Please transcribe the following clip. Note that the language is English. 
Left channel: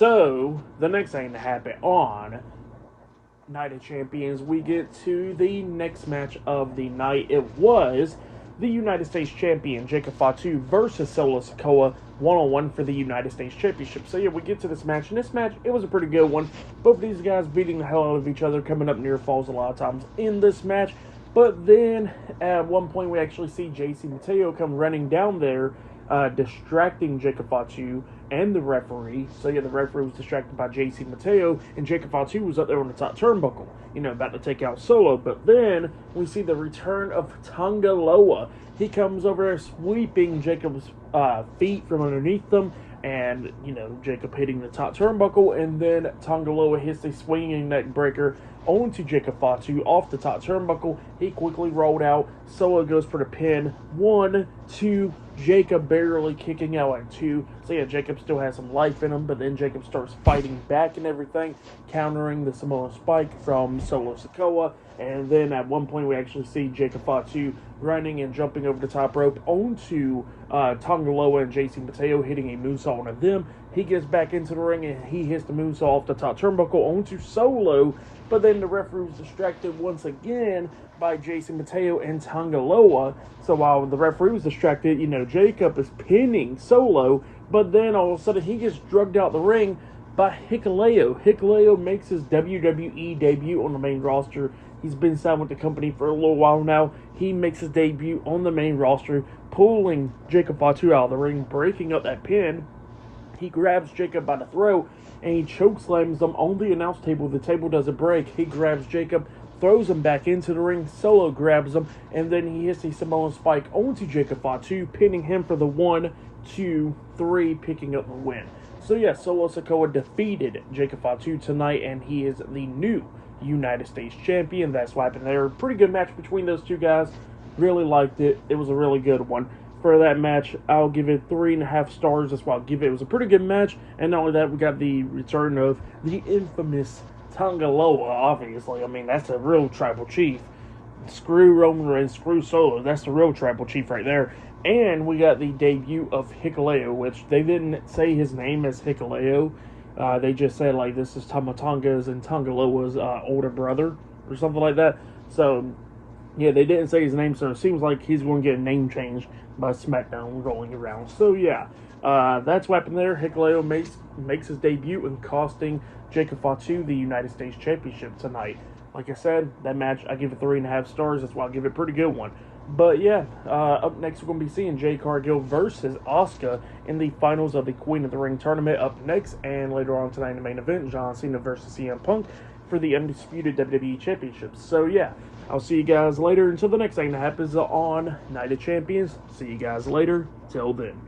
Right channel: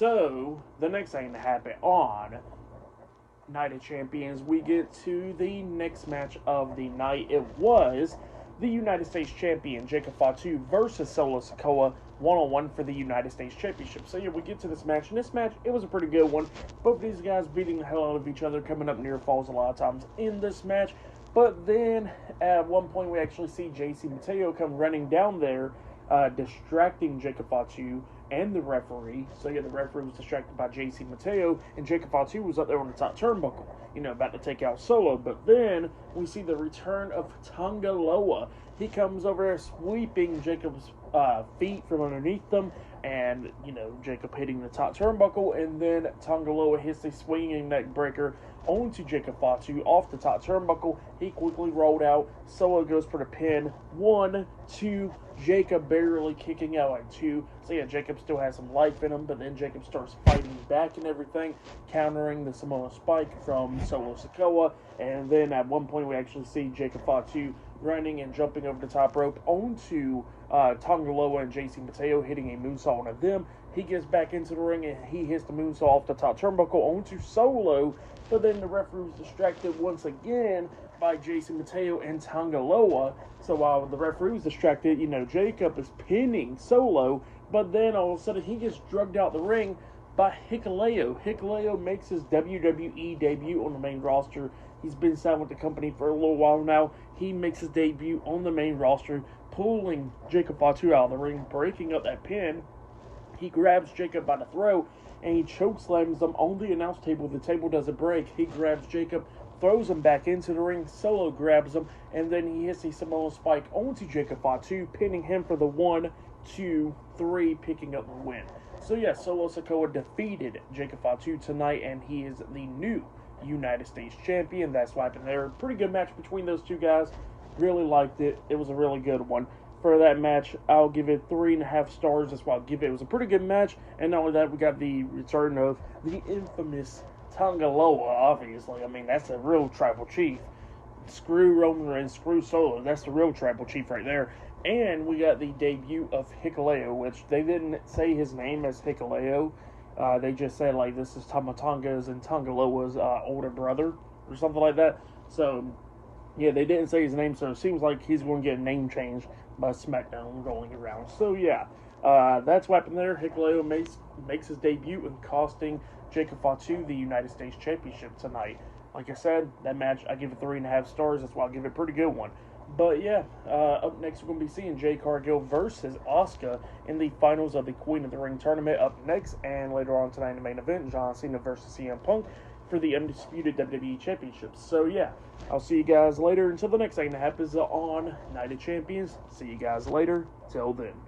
So, the next thing to happen on Night of Champions, we get to the next match of the night. It was the United States Champion, Jacob Fatu, versus Solo Sikoa, one-on-one for the United States Championship. So, yeah, we get to this match, and this match, it was a pretty good one. Both of these guys beating the hell out of each other, coming up near falls a lot of times in this match. But then, at one point, we actually see JC Mateo come running down there, distracting Jacob Fatu and the referee. So, yeah, the referee was distracted by JC Mateo, and Jacob Fatu was up there on the top turnbuckle, about to take out Solo. But then, we see the return of Tonga Loa. He comes over there sweeping Jacob's feet from underneath them, and, Jacob hitting the top turnbuckle, and then Tonga Loa hits a swinging neck breaker onto Jacob Fatu off the top turnbuckle. He quickly rolled out. Solo goes for the pin. 1, 2. Jacob barely kicking out at 2. So yeah, Jacob still has some life in him, but then Jacob starts fighting back and everything, countering the Samoan Spike from Solo Sikoa. And then at one point we actually see Jacob Fatu running and jumping over the top rope onto Tonga Loa and JC Mateo, hitting a moonsault on them. He gets back into the ring and he hits the moonsault off the top turnbuckle onto Solo. But then the referee was distracted once again by Jason Mateo and Tonga Loa. So while the referee was distracted, Jacob is pinning Solo. But then all of a sudden he gets drugged out the ring by Hikuleo. Hikuleo makes his WWE debut on the main roster. He's been signed with the company for a little while now. He makes his debut on the main roster, pulling Jacob Fatu out of the ring, breaking up that pin. He grabs Jacob by the throat, and he chokeslams them on the announce table. The table doesn't break. He grabs Jacob, throws him back into the ring. Solo grabs him, and then he hits the Samoan Spike onto Jacob Fatu, pinning him for the 1, 2, 3, picking up the win. So yeah, Solo Sikoa defeated Jacob Fatu tonight, and he is the new United States Champion. That's what happened there. Pretty good match between those two guys. Really liked it. It was a really good one. For that match, I'll give it 3.5 stars. That's what I'll give it. It was a pretty good match. And not only that, we got the return of the infamous Tonga Loa, obviously. I mean, that's a real tribal chief. Screw Roman Reigns, screw Solo. That's the real tribal chief right there. And we got the debut of Hikuleo, which they didn't say his name as Hikuleo. They just said, this is Tama Tonga's and Tonga Loa's older brother or something like that. So, yeah, they didn't say his name, so it seems like he's going to get a name change by SmackDown rolling around. So, yeah, that's what happened there. Hikuleo makes his debut and costing Jacob Fatu the United States Championship tonight. Like I said, that match, I give it 3.5 stars. That's why I give it a pretty good one. But, yeah, up next we're going to be seeing Jade Cargill versus Asuka in the finals of the Queen of the Ring tournament up next. And later on tonight in the main event, John Cena versus CM Punk for the undisputed WWE Championship. So, yeah, I'll see you guys later until the next thing that happens on Night of Champions. See you guys later. Till then.